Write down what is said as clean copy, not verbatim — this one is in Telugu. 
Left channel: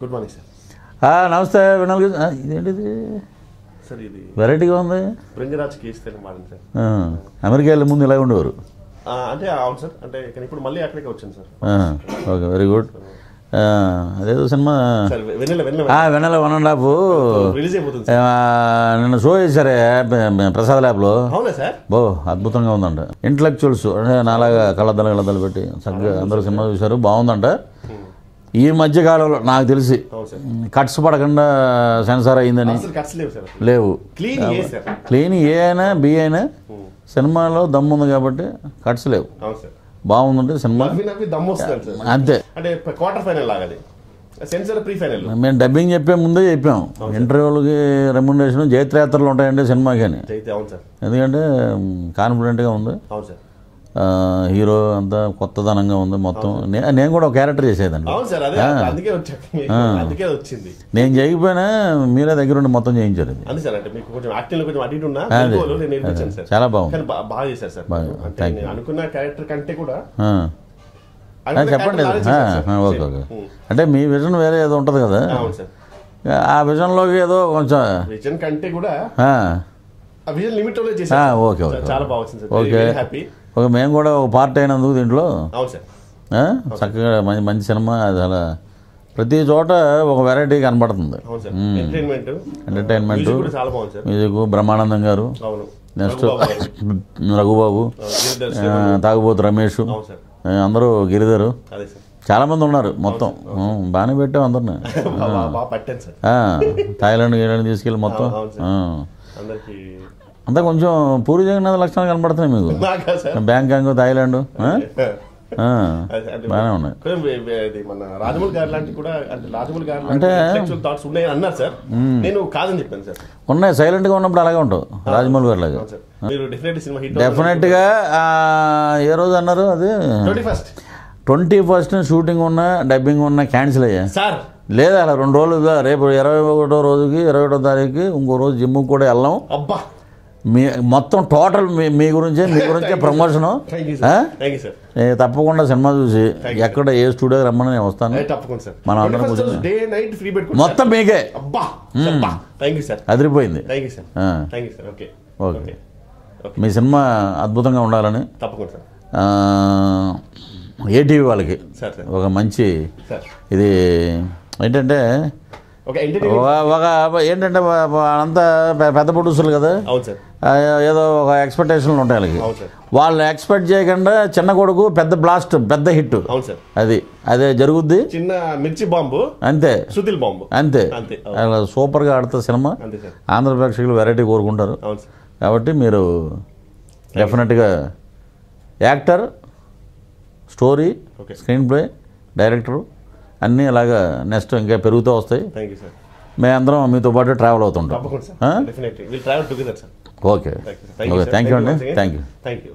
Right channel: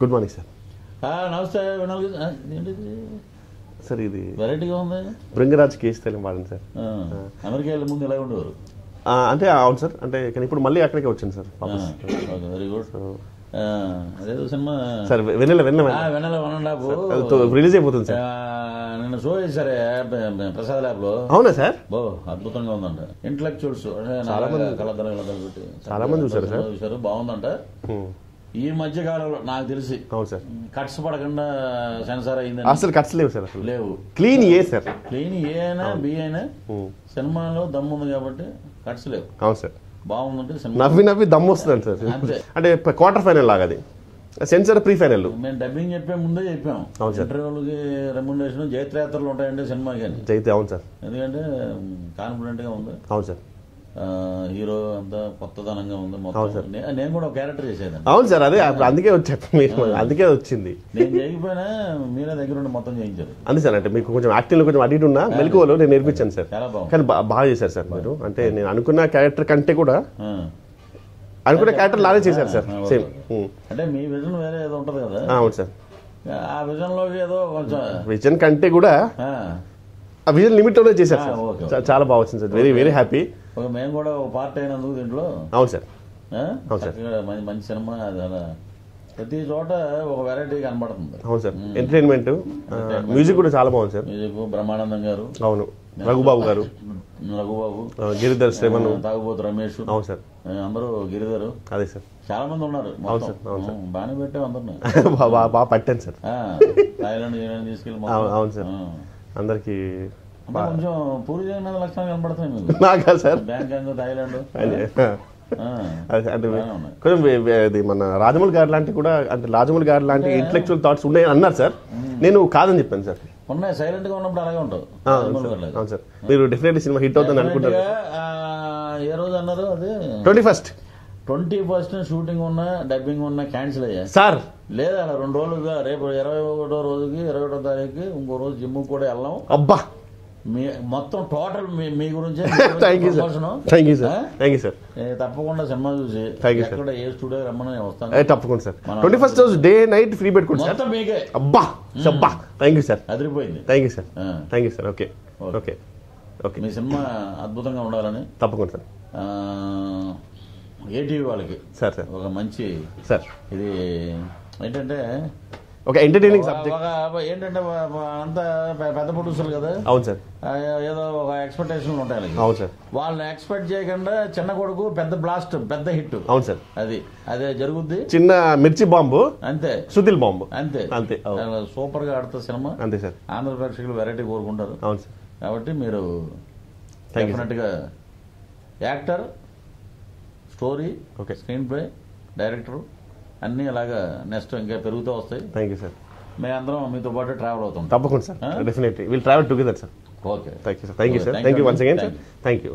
Good morning sir. నమస్తే వినాల్ ఇదేంటిది సార్ ఇది వెరైటీగా ఉంది. బృంగరాజ్ కేసు వాడండి సార్. అమెరికా వెళ్ళే ముందు ఇలా ఉండేవారు అంటే అవును సార్, అంటే కానీ ఇప్పుడు మళ్ళీ అక్కడికే వచ్చింది సార్. Okay, very good. అదేదో సినిమా వెన్నెల 1.5 రిలీజ్ అయిపోతుంది. నిన్న షో చేశారే ప్రసాద్ ల్యాబ్లో. అవునా సార్? బో అద్భుతంగా ఉందంట. ఇంటలెక్చువల్స్ అంటే నాలాగా కళ్ళద్దాలు పెట్టి చక్కగా అందరూ సినిమా చూశారు, బాగుందంట. ఈ మధ్య కాలంలో నాకు తెలిసి కట్స్ పడకుండా సెన్సార్ అయిందని లేవు. క్లీన్ ఏ అయినా బి అయినా సినిమాలో దమ్ము ఉంది కాబట్టి కట్స్ లేవు. బాగుందంటే సినిమా దమ్ము వస్తుంది అంతే. అంటే క్వార్టర్ ఫైనల్ లాగా సెన్సార్ ప్రీ ఫైనల్. మేము డబ్బింగ్ చెప్పే ముందే చెప్పాం ఇంటర్వ్యూలకి రెమ్యునరేషన్ జైత్రయాత్రలు ఉంటాయండి సినిమాకి అని. అవును సార్, ఎందుకంటే కాన్ఫిడెంట్గా ఉంది. అవును సార్, హీరో అంతా కొత్తదనంగా ఉంది మొత్తం. నేను కూడా ఒక క్యారెక్టర్ చేసేదండి. అవును సార్, అదే అందుకే అందుకే వచ్చింది. నేను చేయకపోయినా మీరే దగ్గర ఉండి మొత్తం చేయించారు. అంతే సార్, అంటే మీకు కొంచెం యాక్టింగ్ కొంచెం అడిగి ఉన్నా నేను నేర్పించాను సార్. చాలా బాగుంది, బాగా చేశారు సార్. అంటే నేను అనుకున్న క్యారెక్టర్ కంటే కూడా అంటే మీ విజన్ వేరే ఏదో ఉంటది కదా. అవును సార్, ఆ విజన్ లోకి ఏదో కొంచెం విజన్ కంటే కూడా ఆ విజన్ లిమిట్ లో చేశారు. ఓకే, చాలా బాగా వచ్చింది సార్. Very happy. ఓకే, మేము కూడా ఒక పార్ట్ అయినందుకు దీంట్లో. అవును సార్, చక్కగా మంచి సినిమా. అది అలా ప్రతి చోట ఒక వెరైటీ కనబడుతుంది. అవును సార్, ఎంటర్టైన్మెంట్ కూడా చాలా బాగుంది సార్. మ్యూజిక్ బ్రహ్మానందం గారు, అవును, రఘుబాబు, తాగుబోతు రమేష్, అందరూ గిరిధరు, చాలా మంది ఉన్నారు. మొత్తం బాగానే పెట్టాం అందరిని. పట్టాను సార్. థాయిలాండ్ గిలాండ్ తీసుకెళ్ళి మొత్తం అందరికి అంతా కొంచెం పూరి జగన్నాథ్ లక్షణాలు కనబడుతున్నాయి మీకు. బ్యాంకాంగ్, థాయిలాండ్ బాగానే ఉన్నాయి. మన రాజమౌళి గారు లాంటి కూడా, అంటే రాజమౌళి గారు లాంటి ఇంటెలెక్చువల్ థాట్స్ ఉన్నాయి అన్నారు సార్. నేను కాదని చెప్పాను సార్. ఉన్నాయి, సైలెంట్ గా ఉన్నప్పుడు అలాగే ఉంటావు రాజమౌళి గారు లాగా. మీరు డెఫినెట్లీ సినిమా హిట్ డెఫినెట్ గా. ఏ రోజు అన్నారు అది? 21st షూటింగ్ ఉన్నా డబ్బింగ్ ఉన్నా క్యాన్సిల్ అయ్యా సార్. లేదా అలా 2 రోజులుగా, రేపు 21వ రోజుకి 21వ తారీఖుకి ఇంకో రోజు జిమ్ కూడా వెళ్ళాం. అబ్బా, మీ మొత్తం టోటల్ మీ గురించే ప్రమోషన్. తప్పకుండా సినిమా చూసి ఎక్కడ ఏ స్టూడియోకి రమ్మని నేను వస్తాను. మొత్తం మీకే. అదిరిపోయింది. మీ సినిమా అద్భుతంగా ఉండాలని తప్పకుండా ఏటీవీ వాళ్ళకి ఒక మంచి ఇది ఏంటంటే ఏంటంటే అంతా పెద్ద ప్రొడ్యూసర్లు కదా, ఏదో ఒక ఎక్స్పెక్టేషన్లు ఉంటాయి వాళ్ళకి. వాళ్ళు ఎక్స్పెక్ట్ చేయకుండా చిన్న కొడుకు పెద్ద బ్లాస్ట్, పెద్ద హిట్. అది అదే జరుగుద్ది. చిన్న మిర్చి బాంబు అంతే, సుతిల్ బాంబు అంతే. సూపర్ గా ఆడుతుంది సినిమా. ఆంధ్ర ప్రేక్షకులు వెరైటీ కోరుకుంటారు కాబట్టి మీరు డెఫినెట్ గా actor, story, screen play, director అన్నీ అలాగా నెక్స్ట్ ఇంకా పెరుగుతూ వస్తాయి. మేమందరం మీతో పాటు ట్రావెల్ అవుతుంటాం. Okay, thank you.